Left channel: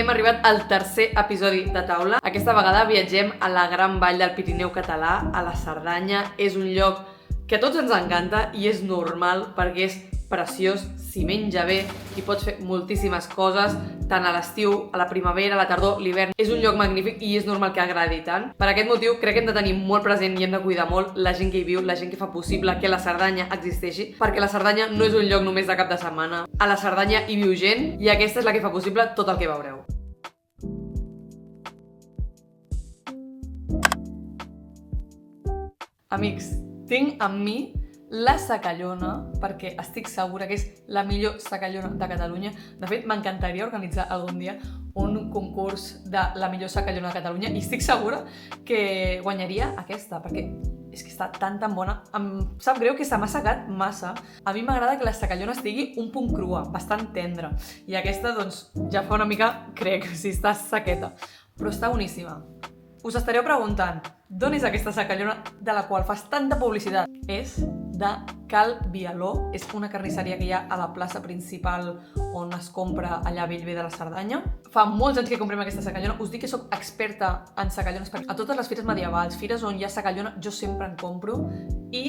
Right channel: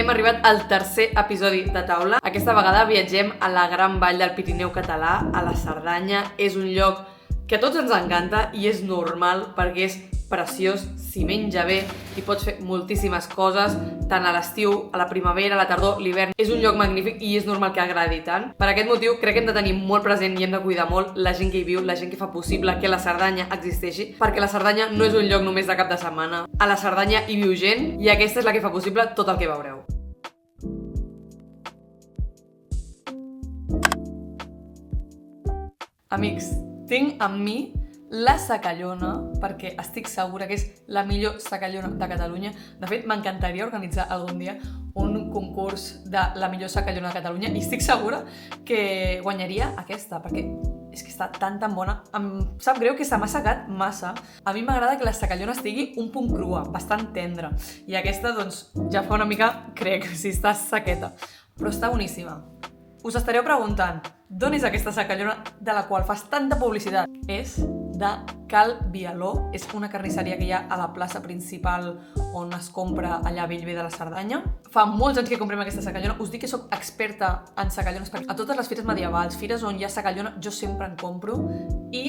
Hem arribat al tercer episodi de Taula. Aquesta vegada viatgem a la gran vall del Pirineu català, a la Cerdanya. És un lloc que a tots ens encanta i és normal perquè és preciós, s'hi menja bé i pots fer moltíssimes coses, tant a l'estiu, a la primavera, a la tardor, l'hivern. És un lloc magnífic i és normal que agradi tant. Per aquest motiu crec que hem de tenir molt present i hem de cuidar molt la gent que hi viu, la gent que fa possible que la Cerdanya existeixi, perquè la Cerdanya no és un lloc només de cap de setmana. A la Cerdanya hi viu gent i aquesta és la que fa possible tot el que veureu. Amics, tinc amb mi la Sacallona, perquè estic segura que és la millor Sacallona de Catalunya. De fet, m'encantaria organitzar algun dia un concurs de la millor Sacallona de Catalunya i estic segura que guanyaria aquesta, perquè és que està tan bona. Em sap greu que se m'ha assecat massa. A mi m'agrada que la Sacallona estigui un punt crua, bastant tendra. I aquesta, doncs, ja fa una mica, crec, si està sequeta. Però està boníssima. Us estareu preguntant, d'on és aquesta Sacallona de la qual fas tanta publicitat? És de Cal Bialó, és una carnisseria que hi ha a la plaça principal on es compra allà a Bellver de la Cerdanya. Fa molts anys que comprem aquesta Sacallona, us dic que sóc experta en Sacallones, perquè a totes les fires medievals, fires on hi ha Sacallona, jo sempre en compro i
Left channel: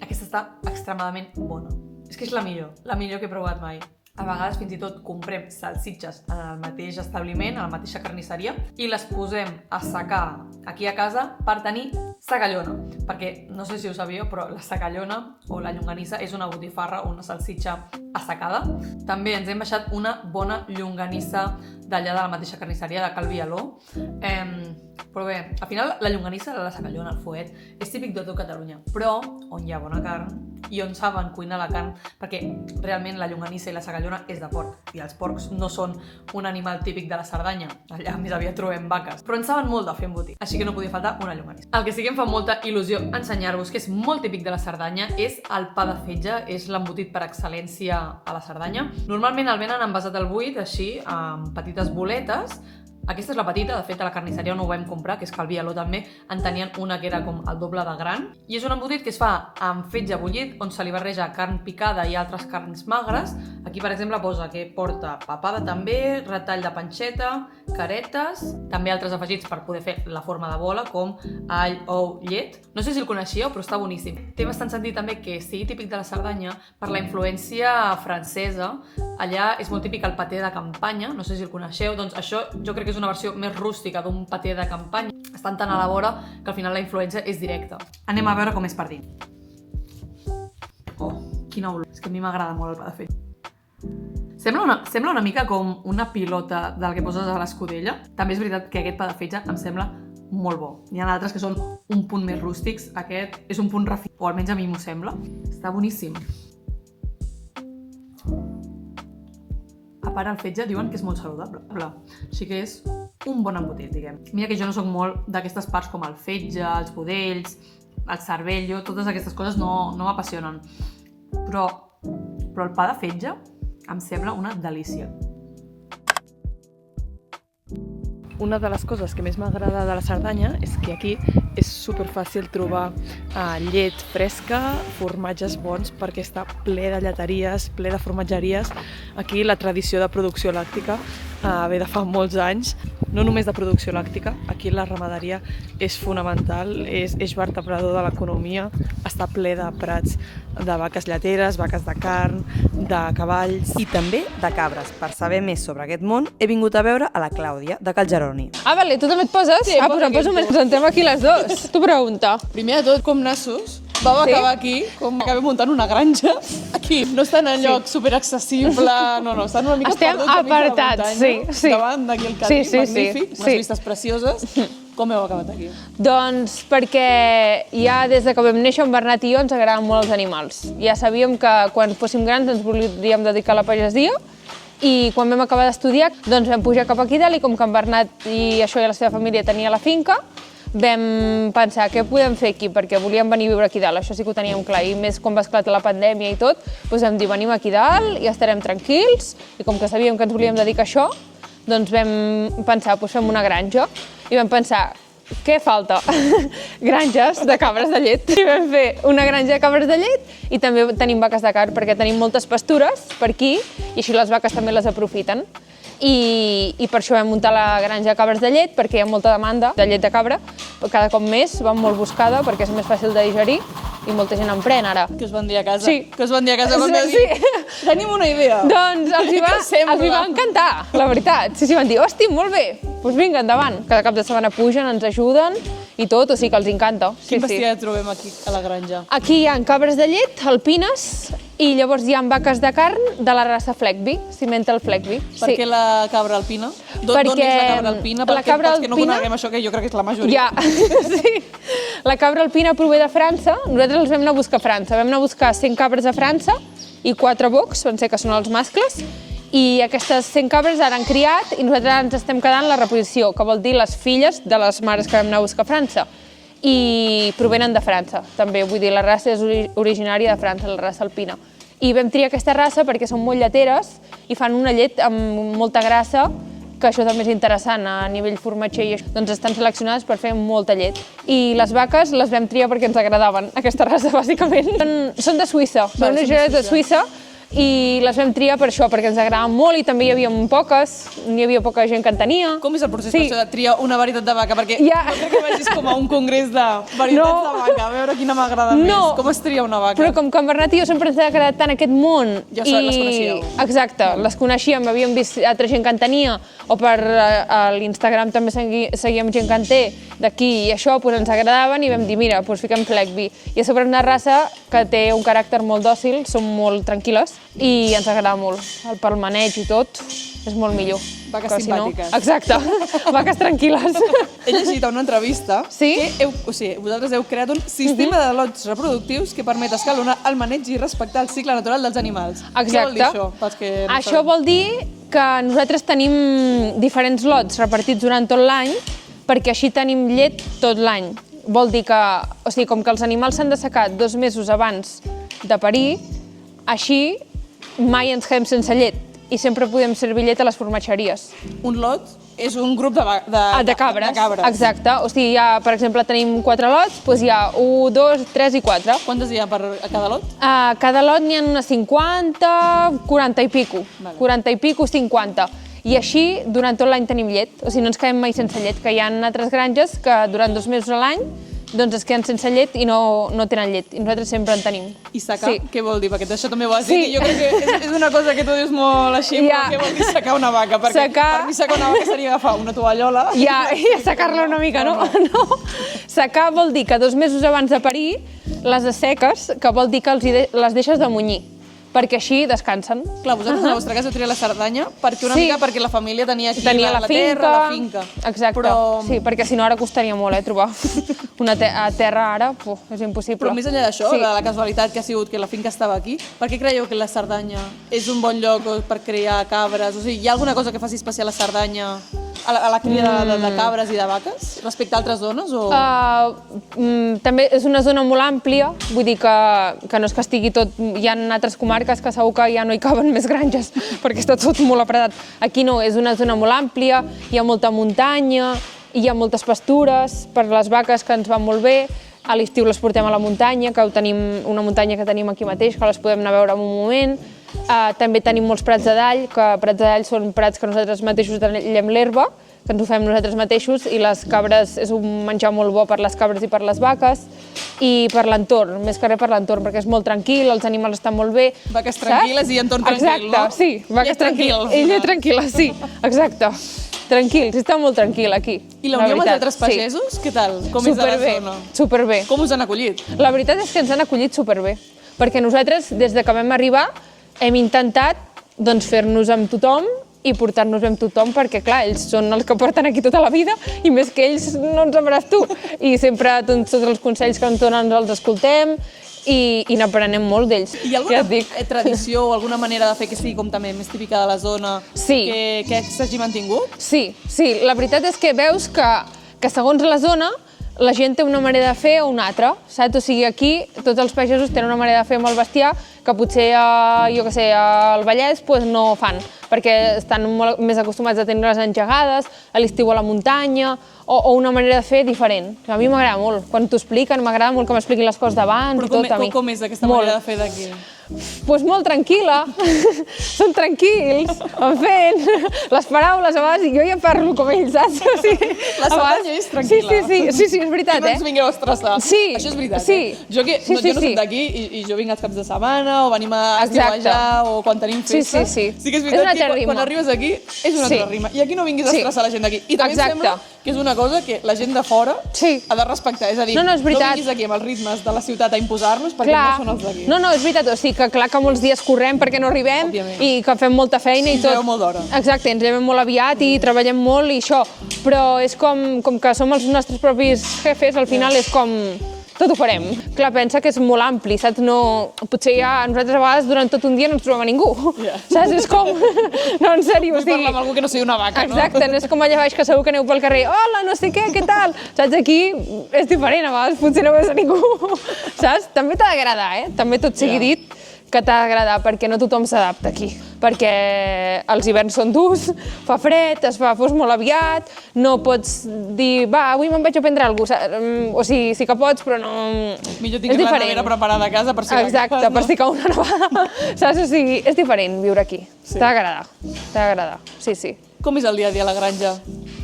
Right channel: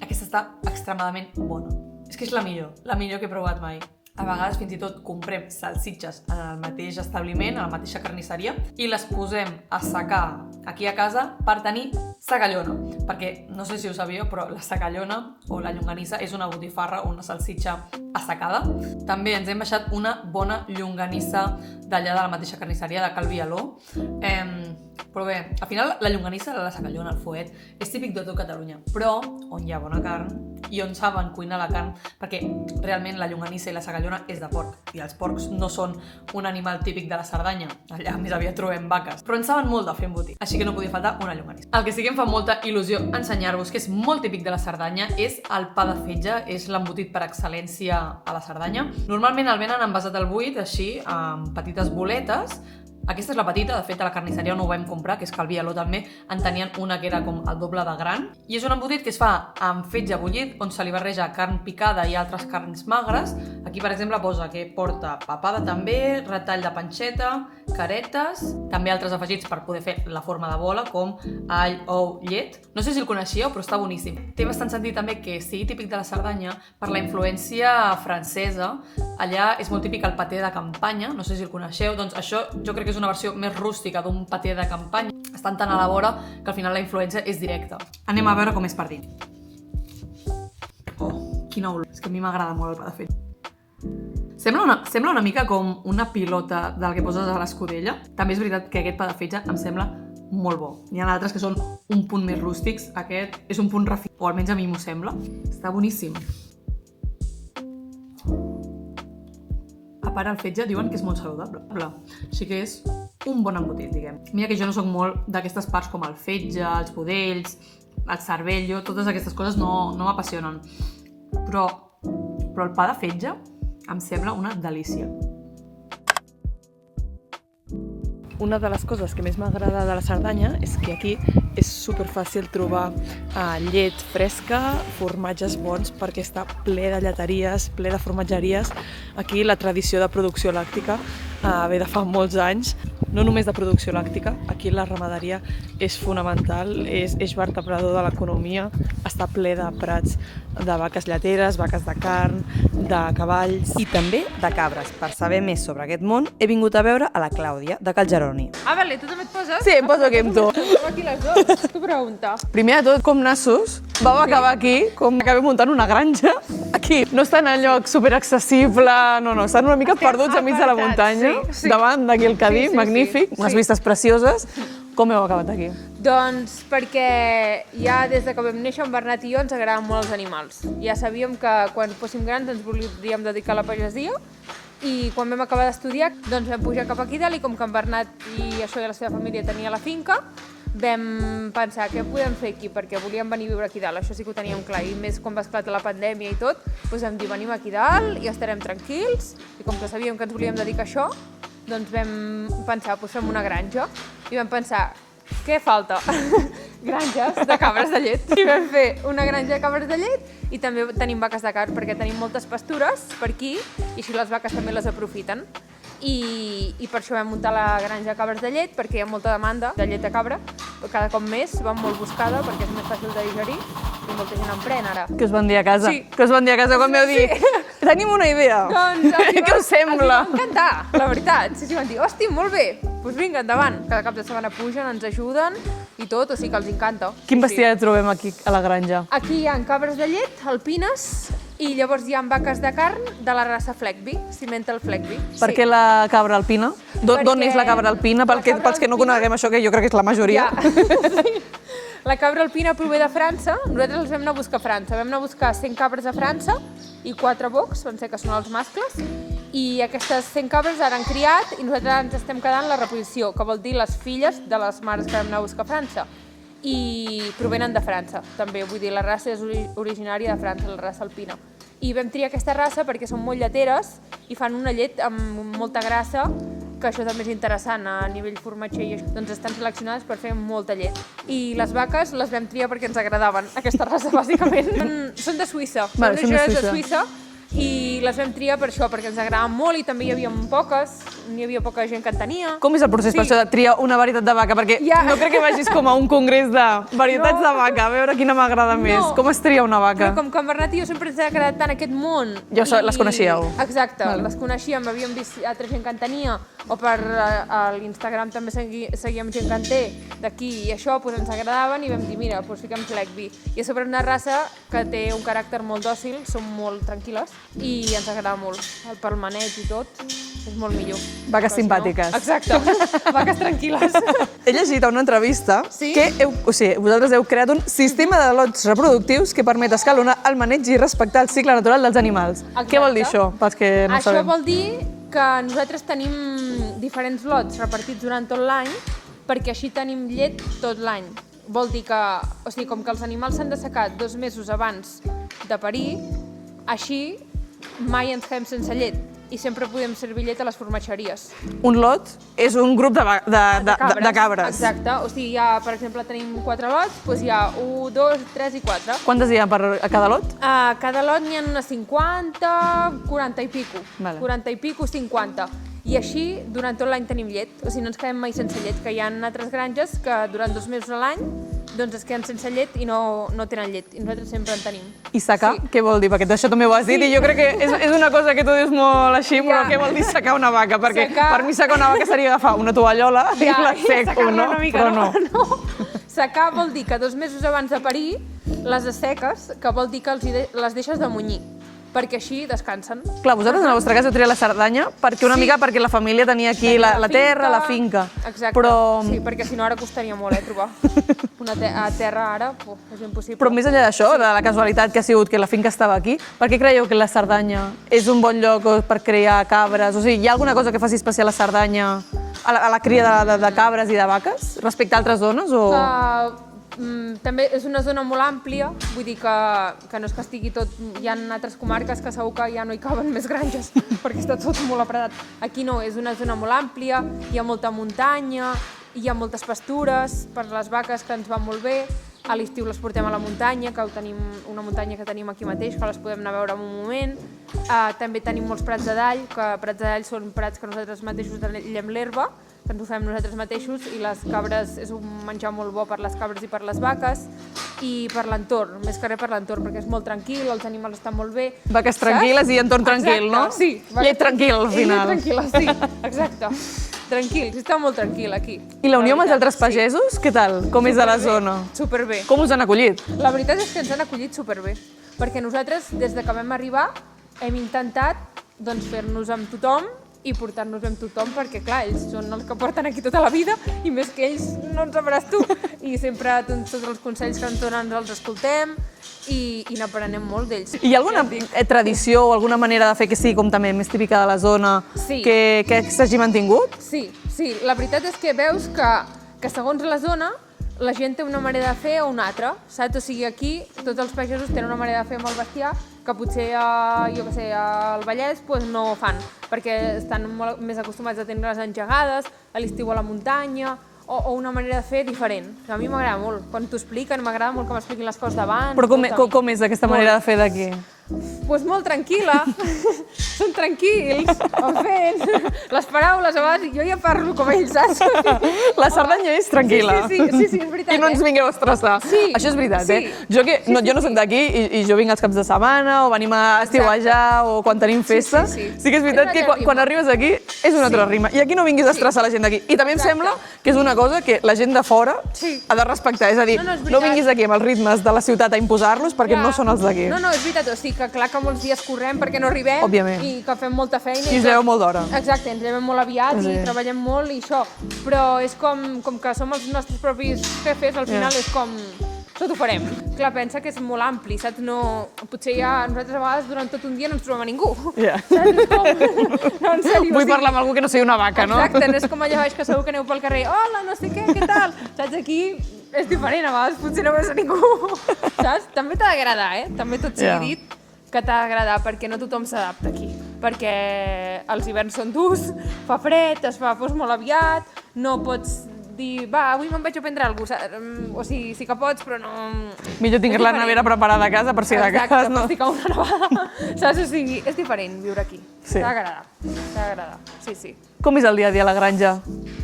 aquesta està extremadament bona. És que és la millor que he provat mai. A vegades fins i tot comprem salsitxes en el mateix establiment, a la mateixa carnisseria, i les posem a assecar aquí a casa per tenir Sacallona. Perquè, no sé si ho sabíeu, però la Sacallona o la llonganissa és una botifarra o una salsitxa assecada. També ens hem baixat una bona llonganissa d'allà de la mateixa carnisseria, de Cal Bialó. Però bé, al final la llonganissa de la Sacallona, el fuet, és típic de tot Catalunya, però on hi ha bona carn i on saben cuinar la carn, perquè realment la llonganissa i la Sacallona és de porc, i els porcs no són un animal típic de la Cerdanya, allà més aviat trobem vaques, però en saben molt de fer embotit, així que no podia faltar una llonganissa. El que sí que em fa molta il·lusió ensenyar-vos, que és molt típic de la Cerdanya, és el pa de fetge, és l'embotit per excel·lència a la Cerdanya. Normalment el venen envasat al buit, així, amb petites boletes. Aquesta és la petita, de fet a la carnisseria on ho vam comprar, que és Cal Bialó també, en tenien una que era com el doble de gran. I és un embotit que es fa amb fetge bullit, on se li barreja carn picada i altres carns magres. Aquí, per exemple, posa que porta papada també, retall de panxeta, caretes, també altres afegits per poder fer la forma de bola, com all, ou, llet. No sé si el coneixíeu, però està boníssim. Té bastant sentit també que sigui típic de la Cerdanya per la influència francesa. Allà és molt típic el paté de campanya, no sé si el coneixeu, doncs això jo crec que és una versió més rústica d'un paté de campanya. Estan tan a la vora que al final la influència és directa. Anem a veure com és per dins. Oh, quina olor. És que a mi m'agrada molt el pa de fetge. Sembla una mica com una pilota del que poses a l'escudella. També és veritat que aquest pa de fetge em sembla molt bo. N'hi ha altres que són un punt més rústics. Aquest és un punt refinat, o almenys a mi m'ho sembla. Està boníssim. A part, el fetge diuen que és molt saludable, així que és un bon embotit, diguem. Mira que jo no soc molt d'aquestes parts com el fetge, els budells, el cervell, totes aquestes coses no m'apassionen. Però el pa de fetge em sembla una delícia. Una de les coses que més m'agrada de la Cerdanya és que aquí és superfàcil trobar llet fresca, formatges bons, perquè està ple de lleteries, ple de formatgeries. Aquí la tradició de producció làctica ve de fa molts anys. No només de producció làctica, aquí la ramaderia és fonamental, és eix vertebrador de l'economia, està ple de prats de vaques lleteres, vaques de carn, de cavalls i també de cabres. Per saber més sobre aquest món, he vingut a veure a la Clàudia, de Cal Jeroni. Ah, vale, tu també et poses? Sí, em poso aquest Ens sentem aquí les dues. Tu pregunta. Primer de tot, com nassos, vau acabar aquí, com acabem muntant una granja. Aquí, no estan en lloc superaccessible, no, estan una mica perduts enmig de la muntanya, davant d'aquí el camí, magnífic, unes vistes precioses. Com heu acabat aquí? Doncs perquè ja des de que vam néixer en Bernat i jo ens agraden molt els animals. Ja sabíem que quan fóssim grans ens volíem dedicar a la pagesia i quan vam acabar d'estudiar doncs vam pujar cap aquí dalt i com que en Bernat i això i la seva família tenia la finca, vam pensar què podem fer aquí perquè volíem venir a viure aquí dalt, això sí que ho teníem clar i més quan va esclatar la pandèmia i tot, doncs vam dir venim aquí dalt i estarem tranquils i com que sabíem que ens volíem dedicar a això, doncs vam pensar, doncs fem una granja i vam pensar, què falta? Granges de cabres de llet. I vam fer una granja de cabres de llet i també tenim vaques de carn perquè tenim moltes pastures per aquí i així les vaques també les aprofiten. i per això vam muntar la granja de cabres de llet, perquè hi ha molta demanda de llet de cabra, cada cop més, va molt buscada perquè és més fàcil de digerir i molta gent en pren ara. Que us van dir a casa? Sí. Que us van dir a casa quan vau dir, tenim una idea. Doncs els hi va encantar, la veritat. Sí, van dir, hosti, molt bé, doncs vinga, endavant. Cada cap de setmana pugen, ens ajuden i tot, o sigui que els encanta. Quin bestiar trobem aquí a la granja? Aquí hi ha cabres de llet, alpines, i llavors hi ha vaques de carn de la raça Fleckby, Simmental Fleckby. Per què la cabra alpina? D'on és la cabra alpina? La cabra Pels que no alpina- coneguem això, que jo crec que és la majoria. Sí. La cabra alpina prové de França. Nosaltres els vam anar a buscar a França. Vam anar a buscar 100 cabres a França i 4 bocs, van ser que són els mascles, i aquestes 100 cabres ara han criat i nosaltres ens estem quedant la reposició, que vol dir les filles de les mares que vam anar a buscar a França. I provenen de França, també. Vull dir, la raça és originària de França, la raça alpina. I vam triar aquesta raça perquè són molt lleteres i fan una llet amb molta grassa, que això també és interessant a nivell formatger i això. Doncs estan seleccionades per fer molta llet. I les vaques les vam triar perquè ens agradaven, aquesta raça, bàsicament. Són de Suïssa, són originàries de Suïssa, i les vam triar per això, perquè ens agradaven molt i també hi havia poques, n'hi havia poca gent que en tenia. Com és el procés per això de triar una varietat de vaca? Perquè no crec que vagis com a un congrés de varietats de vaca, a veure quina m'agrada més. Com es tria una vaca? Però com que en Bernat i jo sempre ens ha agradat tant aquest món... Ja les coneixíeu? Exacte, les coneixíem, havíem vist altra gent que en tenia, o per l'Instagram també seguíem gent que en té d'aquí i això, doncs ens agradaven i vam dir, mira, doncs fiquem Fleckby. I a sobre una raça que té un caràcter molt dòcil, són molt tranquil·les i ens agrada molt. Pel maneig i tot és molt millor. Vaques simpàtiques. Exacte, vaques tranquil·les. He llegit a una entrevista que vosaltres heu creat un sistema de lots reproductius que permet escalonar el maneig i respectar el cicle natural dels animals. Exacte. Què vol dir això, pels que no sabem? Això vol dir que nosaltres tenim diferents lots repartits durant tot l'any perquè així tenim llet tot l'any. Vol dir que, o sigui, com que els animals s'han de secar 2 mesos abans de parir, així mai ens quedem sense llet i sempre podem servir llet a les formatgeries. Un lot és un grup de cabres. Exacte. O sigui, per exemple, tenim 4 lots, doncs hi ha 1, 2, 3 i 4. Quantes hi ha a cada lot? A cada lot n'hi ha unes 50, 40 i pico. 40 i pico, 50. I així, durant tot l'any tenim llet. O sigui, no ens quedem mai sense llet, que hi ha altres granges que durant 2 mesos a l'any doncs es queden sense llet i no tenen llet. I nosaltres sempre en tenim. I secar, què vol dir? Perquè això també ho has dit i jo crec que és una cosa que tu dius molt així, però què vol dir secar una vaca? Perquè per mi secar una vaca seria agafar una tovallola i la secar-la una mica, no. Secar vol dir que 2 mesos abans de parir les asseques, que vol dir que les deixes de munyir, perquè així descansen. Clar, vosaltres en la vostra casa heu triat la Cerdanya perquè la família tenia aquí la terra, la finca. Exacte, sí, perquè si no ara costaria molt trobar una terra ara, és impossible. Però més enllà d'això, de la casualitat que ha sigut que la finca estava aquí, per què creieu que la Cerdanya és un bon lloc per crear cabres? O sigui, hi ha alguna cosa que faci especial a Cerdanya a la cria de cabres i de vaques respecte a altres zones? També és una zona molt àmplia, vull dir que no és que estigui tot... Hi ha altres comarques que segur que ja no hi caben més granges perquè està tot molt apretat. Aquí no, és una zona molt àmplia, hi ha molta muntanya, hi ha moltes pastures per les vaques que ens van molt bé. A l'estiu les portem a la muntanya, que tenim una muntanya que tenim aquí mateix, que les podem anar a veure en un moment. També tenim molts prats de dall, que prats de dall són prats que nosaltres mateixos tallem l'herba, que ens ho fem nosaltres mateixos, i les cabres és un menjar molt bo per les cabres i per les vaques, i per l'entorn, més que res per l'entorn, perquè és molt tranquil, els animals estan molt bé. Vaques tranquil·les i entorn tranquil, no? Exacte, sí. Llet tranquil, al final. I llet tranquil·la, sí, exacte. Tranquils, està molt tranquil aquí. I la unió amb els altres pagesos, què tal? Com és de la zona? Superbé. Com us han acollit? La veritat és que ens han acollit superbé, perquè nosaltres, des de que vam arribar, hem intentat fer-nos amb tothom i portar-nos amb tothom, perquè, clar, ells són els que porten aquí tota la vida i més que ells no ens sabràs tu. I sempre tots els consells que ens donen els escoltem i n'aprenem molt d'ells. Hi ha alguna tradició o alguna manera de fer que sigui com també més típica de la zona que s'hagi mantingut? Sí, la veritat és que veus que segons la zona la gent té una manera de fer o una altra, saps? O sigui, aquí tots els pagesos tenen una manera de fer amb el bestiar que potser, jo què sé, al Vallès no fan, perquè estan molt més acostumats a tenir les engegades, a l'estiu a la muntanya, o una manera de fer diferent. A mi m'agrada molt. Quan t'ho expliquen, m'agrada molt que m'expliquin les coses d'abans. Però com és aquesta manera de fer d'aquí? Doncs molt tranquil·la. Són tranquils, fent les paraules abans, i jo ja parlo com ells, saps? La Cerdanya és tranquil·la. Sí, és veritat, Que no ens vinguin a estressar. Això és veritat, eh? Jo no soc d'aquí i jo vinc els caps de setmana o venim a estiuejar o quan tenim festa. Sí que és veritat que quan arribes aquí és una altra rima. I aquí no vinguis a estressar la gent d'aquí. I també em sembla que és una cosa que la gent de fora ha de respectar. És a dir, no vinguis aquí amb els ritmes de la ciutat a imposar-los perquè no són els d'aquí. No, és veritat. O sigui que clar que molts dies correm perquè no arribem i que fem molta feina i tot. I ens llevem molt d'hora. Exacte, ens llevem molt aviat i treballem molt i això. Però és com que som els nostres propis jefes, al final és com... Tot ho farem. Clar, pensa que és molt ampli, saps? Potser ja nosaltres a vegades durant tot un dia no ens trobem a ningú. Saps? És com... No, en sèrio. Vull parlar amb algú que no sigui una vaca, no? Exacte, no és com allà baix que segur que aneu pel carrer. Hola, no sé què tal? Saps? Aquí és diferent, a vegades potser no veus a ningú. Saps? També t'ha d'agradar, eh? També tot sigui dit que t'ha d'agradar, perquè no tothom s'adapta aquí. Perquè els hiverns són durs, fa fred, es fa fos molt aviat, no pots dir, va, avui me'n vaig a prendre alguna cosa. O sigui, sí que pots, però no... Millor tinguis la nevera preparada a casa per si la cas. Exacte, per si cau una nevada. Saps? O sigui, és diferent viure aquí. T'ha d'agradar. Sí. Com és el dia a dia a la granja?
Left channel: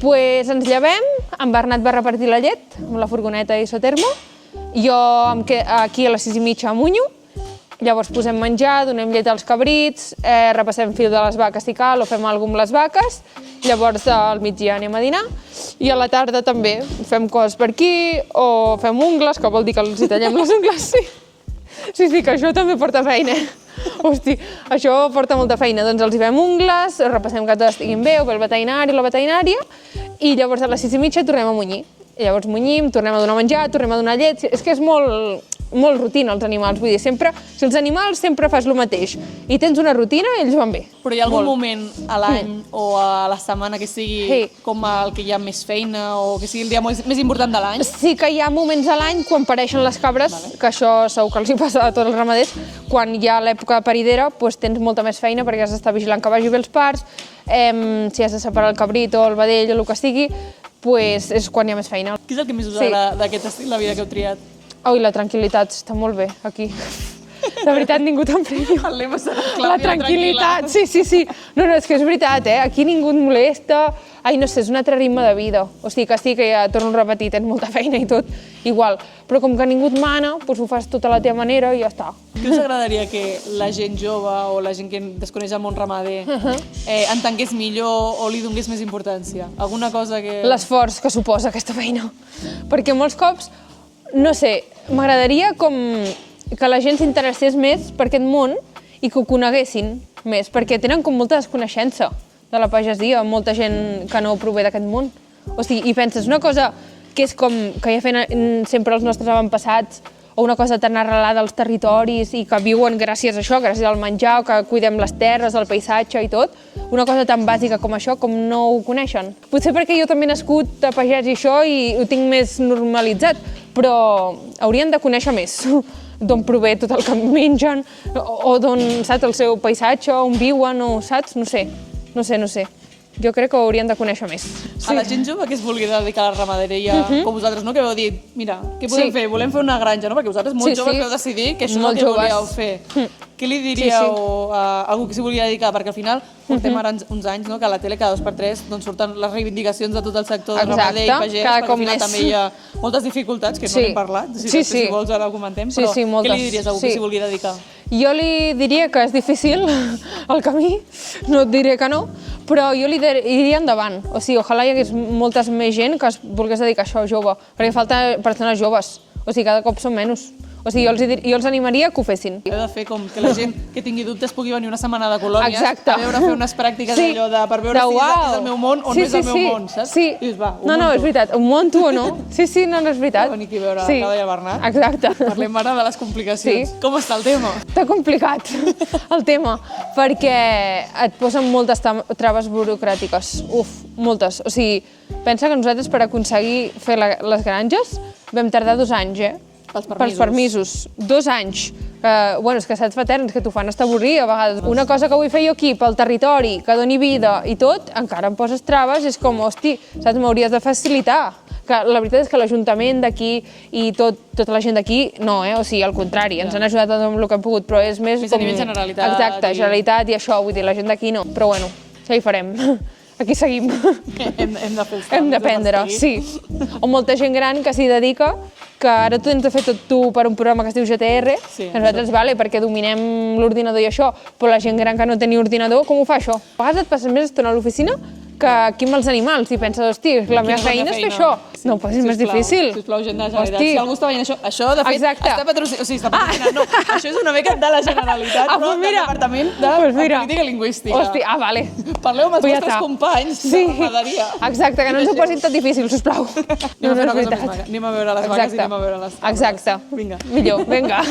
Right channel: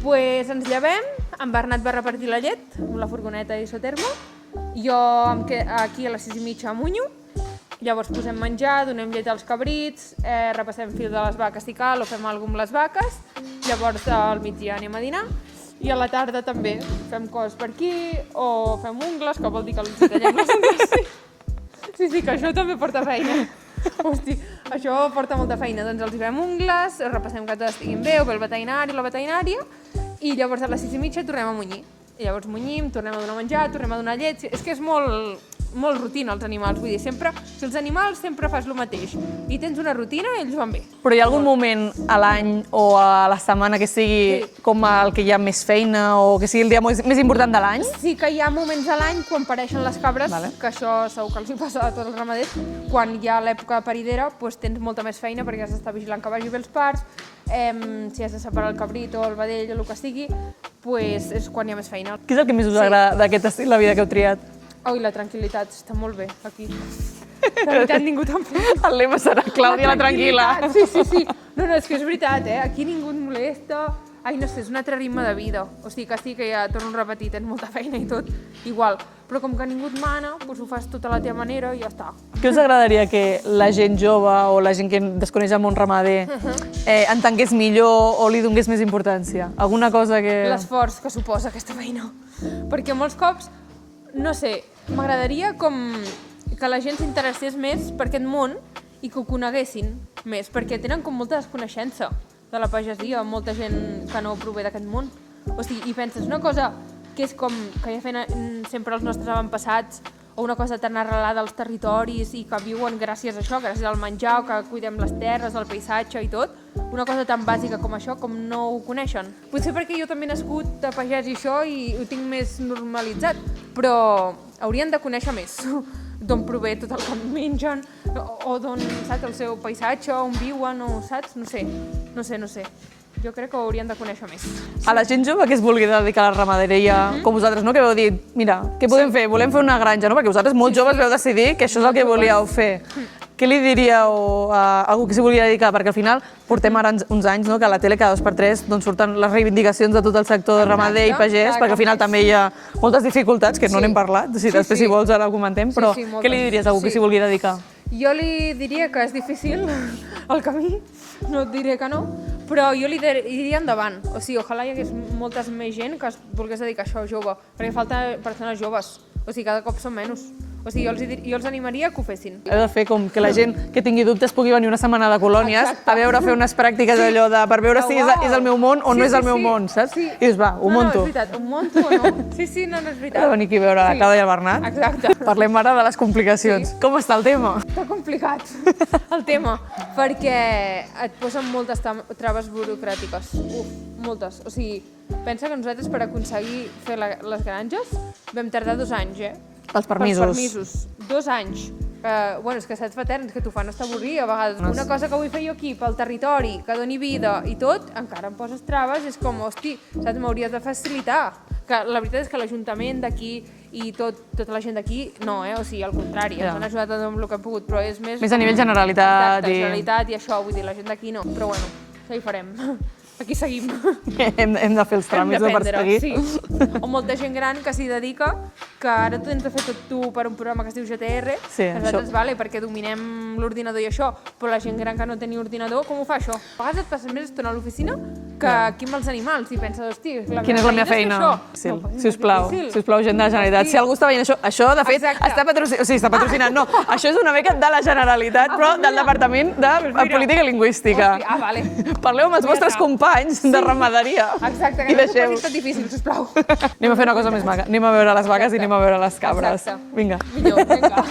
Doncs ens llevem, en Bernat va repartir la llet amb la furgoneta i Isotermo, jo aquí a les 6:30 amunyo, llavors posem menjar, donem llet als cabrits, repassem fil de les vaques si cal o fem alguna amb les vaques, llavors al migdia anem a dinar i a la tarda també fem coses per aquí o fem ungles, que vol dir que els tallem les ungles. Sí, que això també porta feina. Hosti, això porta molta feina. Doncs els hi fem ungles, repassem que tot estiguin bé, o pel veterinari o la veterinària, i llavors a les 6:30 tornem a munyir. Llavors munyim, tornem a donar menjar, tornem a donar llet... És que és molt rutina, els animals. Vull dir, si els animals sempre fas el mateix i tens una rutina, ells van bé. Però hi ha algun moment a l'any o a la setmana que sigui com el que hi ha més feina o que sigui el dia més important de l'any? Sí que hi ha moments a l'any quan pareixen les cabres, que això segur que els hi passa a tots els ramaders, quan hi ha l'època de paridera tens molta més feina perquè has d'estar vigilant que vagi bé els parts, si has de separar el cabrit o el vedell o el que sigui, és quan hi ha més feina. Què és el que més us agrada d'aquest estil de vida que heu triat? Ui, la tranquil·litat, està molt bé, aquí. De veritat, ningú t'emprenya. El lema serà Clàudia la tranquil·la. Sí. No, és que és veritat, aquí ningú et molesta. Ai, no sé, és un altre ritme de vida. O sigui, que sí, que ja torno a repetir, tens molta feina i tot, igual. Però com que ningú et mana, ho fas tot a la teva manera i ja està. Què us agradaria que la gent jove o la gent que desconeix el món ramader entengués millor o li donés més importància? Alguna cosa que... L'esforç que suposa aquesta feina. Perquè molts cops, no sé, m'agradaria com que la gent s'interessés més per aquest món i que ho coneguessin més, perquè tenen com molta desconeixença de la pagesia, molta gent que no prové d'aquest món. O sigui, i penses, una cosa que és com que ja feien sempre els nostres avantpassats, o una cosa tan arrelada als territoris i que viuen gràcies a això, gràcies al menjar, o que cuidem les terres, el paisatge i tot, una cosa tan bàsica com això, com no ho coneixen. Potser perquè jo també he nascut a pagès i això i ho tinc més normalitzat, però haurien de conèixer més d'on prové tot el que mengen, o d'on, saps, el seu paisatge, on viuen, o saps? No sé. Jo crec que ho haurien de conèixer més. A la gent jove que es vulgui dedicar a la ramaderia, com vosaltres, no? Que vau dir, mira, què podem fer? Volem fer una granja, no? Perquè vosaltres molt joves vau decidir que això és el que volíeu fer. Què li diríeu a algú que s'hi vulgui dedicar? Perquè al final portem ara uns anys que a la tele cada 2x3 surten les reivindicacions de tot el sector de ramader i pagès, perquè al final també hi ha moltes dificultats, que no n'hem parlat, si després si vols ara ho comentem, però què li diries a algú que s'hi vulgui dedicar? Jo li diria que és difícil el camí, no et diré que no, però jo li diria endavant. O sigui, ojalà hi hagués moltes més gent que es volgués dedicar a això jove, perquè falta persones joves, o sigui, cada cop són menys. O sigui, jo els animaria que ho fessin. Heu de fer com que la gent que tingui dubtes pugui venir una setmana de colònies a veure, fer unes pràctiques d'allò per veure si és el meu món o no és el meu món, saps? I dius, va, ho monto. No, és veritat, ho monto o no. Sí, no és veritat. Venir aquí a veure Clàudia Bernat. Exacte. Parlem ara de les complicacions. Com està el tema? Està complicat, el tema, perquè et posen moltes traves burocràtiques. Moltes. O sigui, pensa que nosaltres per aconseguir fer les granges vam tardar 2 anys, Pels permisos. 2 anys. Bueno, és que saps paterns que t'ho fan estaborrir a vegades. Una cosa que vull fer jo aquí pel territori, que doni vida i tot, encara em poses traves, és com, hosti, saps, m'hauries de facilitar. Que la veritat és que l'Ajuntament d'aquí i tota la gent d'aquí, no, o sigui, al contrari, ens han ajudat amb el que hem pogut, però és més... Més a nivell Generalitat. Exacte, Generalitat i això, vull dir, la gent d'aquí no. Però bueno, això hi farem. Aquí seguim. Hem de fer els tràmits de perseguir. Sí. O molta gent gran que s'hi dedica, que ara tu tens de fer tot tu per un programa que es diu GTR, que nosaltres, vale, perquè dominem l'ordinador i això, però la gent gran que no té ni ordinador, com ho fa això? A vegades et passes més estona a l'oficina que aquí amb els animals i penses, hosti, la meva feina és fer això. No, però és més difícil. Sisplau, gent de la Generalitat, si algú està veient això, de fet, està patrocinant, o sigui, està patrocinant, no, això és una beca de la Generalitat, però del Departament de Política Lingüística. Hosti, vale. Parleu amb els vostres companys de ramaderia. Exacte, que no s'ho posin tot difícil, sisplau. Anem a fer una cosa més maca, anem a veure les vaques i anem a veure les cabres. Exacte. Vinga. Millor, vinga.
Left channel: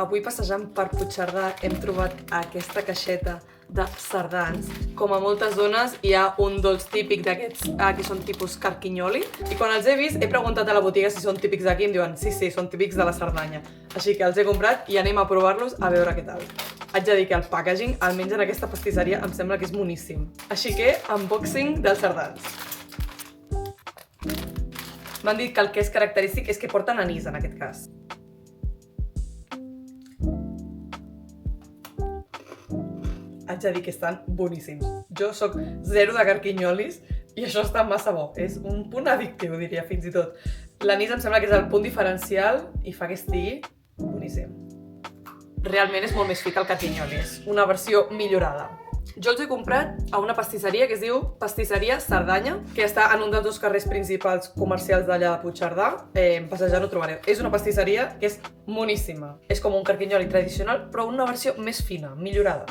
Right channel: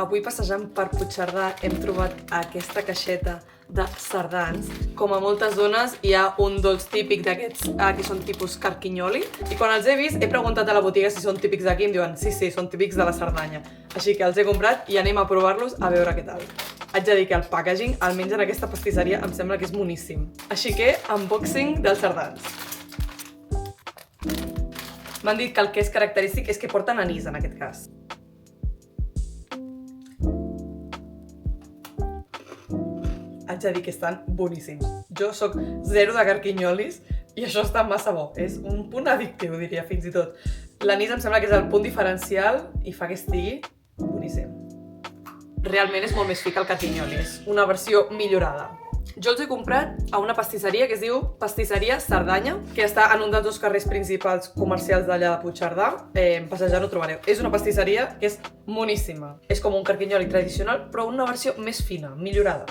Avui passejant per Puigcerdà hem trobat aquesta caixeta de sardans. Com a moltes zones hi ha un dolç típic d'aquests que són tipus carquinyoli i quan els he vist he preguntat a la botiga si són típics d'aquí i em diuen sí, són típics de la Cerdanya. Així que els he comprat i anem a provar-los a veure què tal. Haig de dir que el packaging, almenys en aquesta pastisseria, em sembla que és boníssim. Així que, unboxing dels sardans. M'han dit que el que és característic és que porten anís en aquest cas. Haig de dir que estan boníssims. Jo sóc zero de carquinyolis i això està massa bo. És un punt addictiu, diria, fins i tot. L'anís em sembla que és el punt diferencial i fa que estigui boníssim. Realment és molt més fi que el carquinyoli, és una versió millorada. Jo els he comprat a una pastisseria que es diu Pastisseria Cerdanya, que està en un dels dos carrers principals comercials d'allà de Puigcerdà. Passejant ho trobareu. És una pastisseria que és moníssima. És com un carquinyoli tradicional, però una versió més fina, millorada.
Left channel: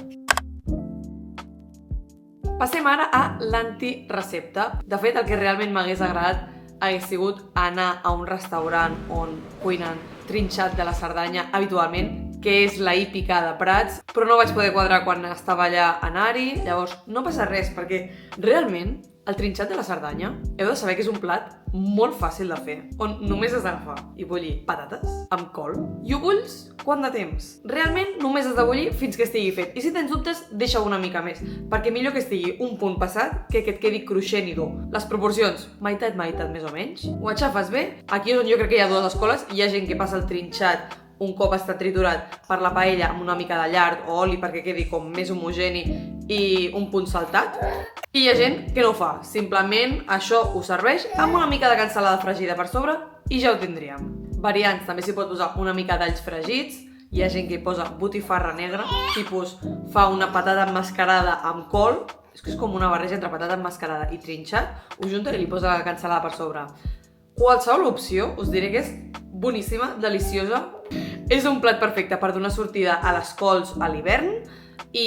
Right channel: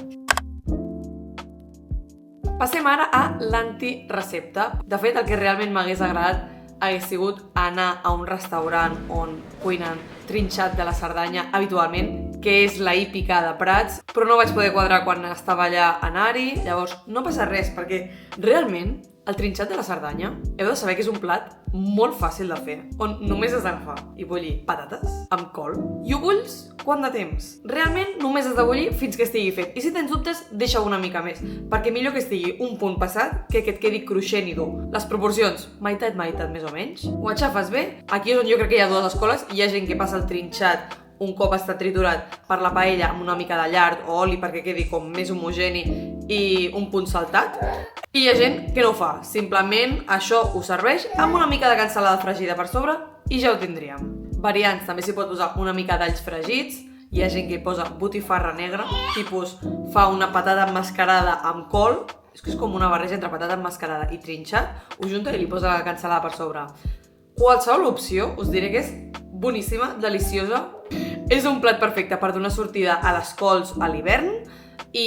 Passem ara a l'antirecepta. De fet, el que realment m'hagués agradat hagués sigut anar a un restaurant on cuinen trinxat de la Cerdanya habitualment, que és la hípica de Prats, però no vaig poder quadrar quan estava allà anar-hi, llavors no passa res, perquè realment el trinxat de la Cerdanya heu de saber que és un plat molt fàcil de fer, on només has d'agafar i bullir patates amb col i ho bulls quant de temps. Realment només has de bullir fins que estigui fet, i si tens dubtes, deixa una mica més, perquè millor que estigui un punt passat que et quedi cruixent i dur. Les proporcions, meitat més o menys, ho aixafes bé. Aquí és on jo crec que hi ha dues escoles, hi ha gent que passa el trinxat un cop està triturat per la paella amb una mica de llard o oli perquè quedi com més homogeni i un punt saltat. I hi ha gent que no ho fa, simplement això ho serveix amb una mica de cansalada fregida per sobre i ja ho tindríem. Variants, també s'hi pot posar una mica d'alls fregits, hi ha gent que hi posa botifarra negra, tipus fa una patata emmascarada amb col, és que és com una barreja entre patata emmascarada i trinxat, ho junta i li posa la cansalada per sobre. Qualsevol opció us diré que és boníssima, deliciosa. És un plat perfecte per donar sortida a les cols a l'hivern i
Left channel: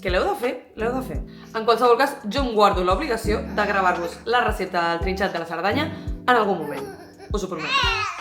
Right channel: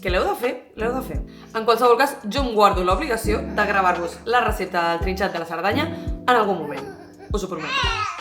que l'heu de fer, l'heu de fer. En qualsevol cas, jo em guardo l'obligació de gravar-vos la recepta del trinxat de la Cerdanya en algun moment. Us ho prometo.